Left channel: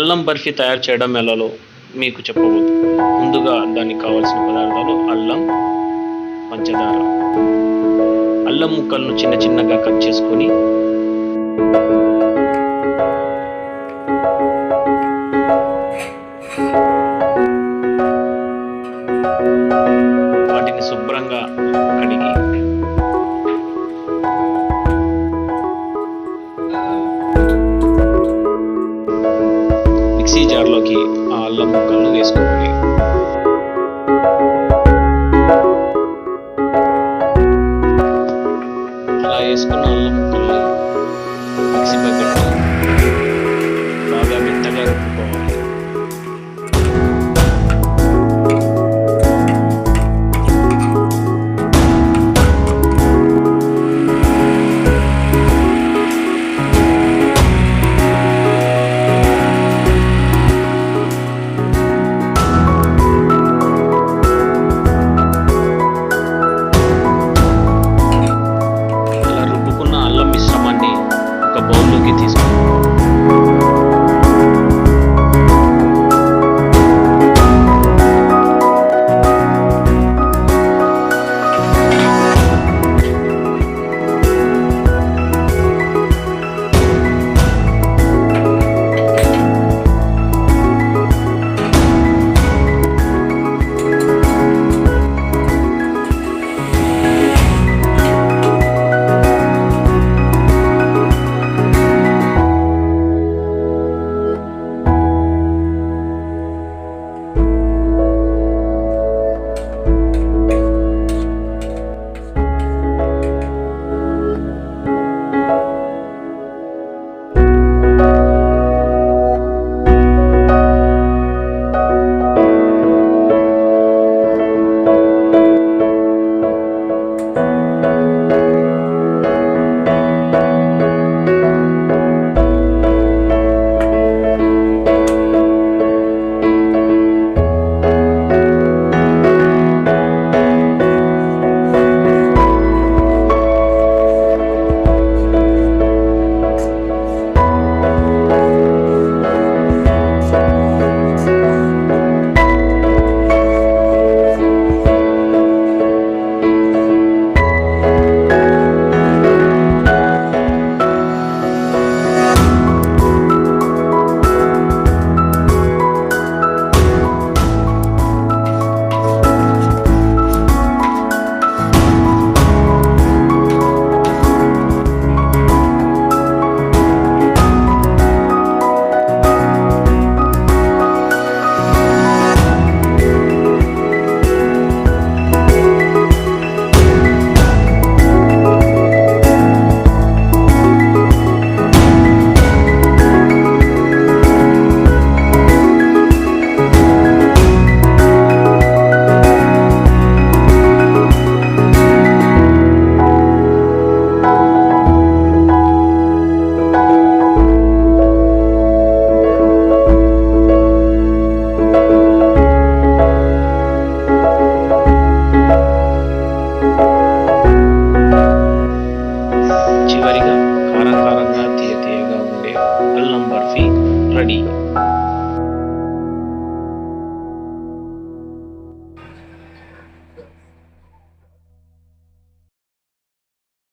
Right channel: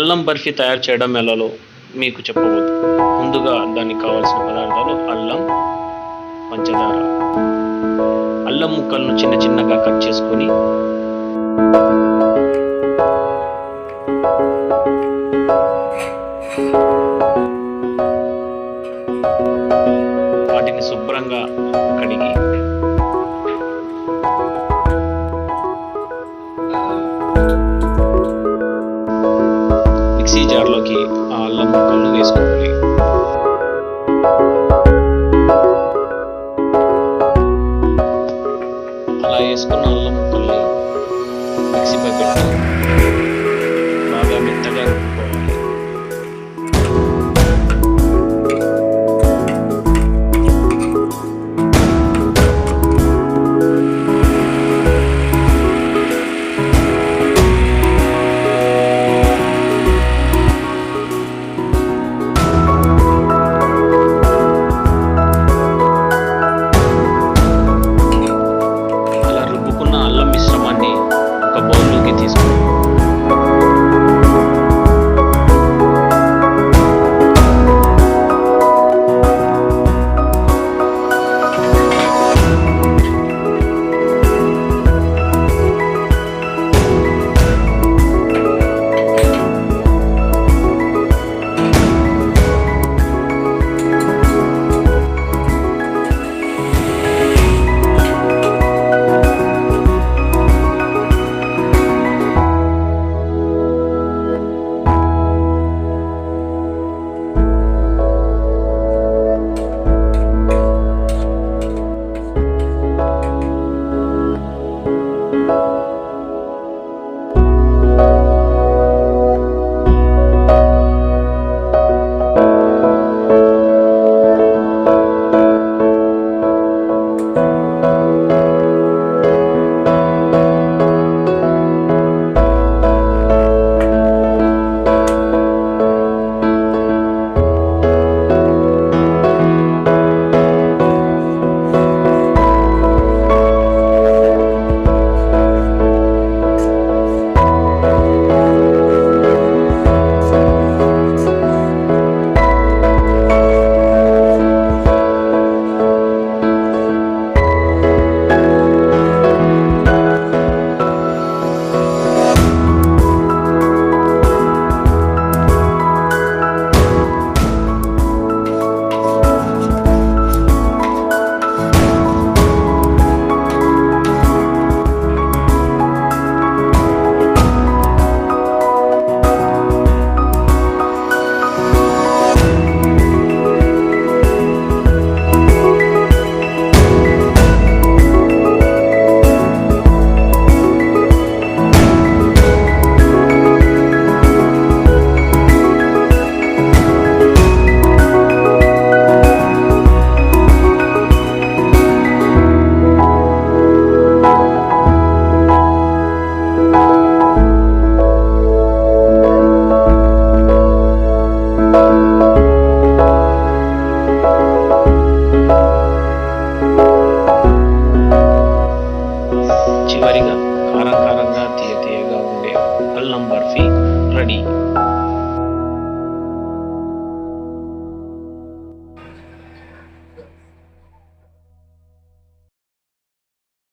అల్లం బర్ఫీ తయారు చేయడం ఎలాలో మీకు చెప్పబోతు. ముందుగా దానికి కావాల్సిన పదార్థాలు అల్లం, పంచదార. అల్లం ముక్కలను చిన్న చిన్నగా కట్ చేసుకొని వాటిని శుభ్రంగా కడిగి మిక్సీ జార్లోకి ఆ అల్లం ముక్కలను వేసుకోవాలి. అలా వేసుకున్న అల్లం ముక్కల్ని మిక్సీపై పెట్టి బాగా మెత్తగా రుబ్బుకోవాలి. అల్లం మిశ్రమాన్ని ఒక బౌల్లోకి తీసుకోండి. చివరిగా కారంగా తీయగా ఉండే అల్లం బర్ఫీ రెడీ.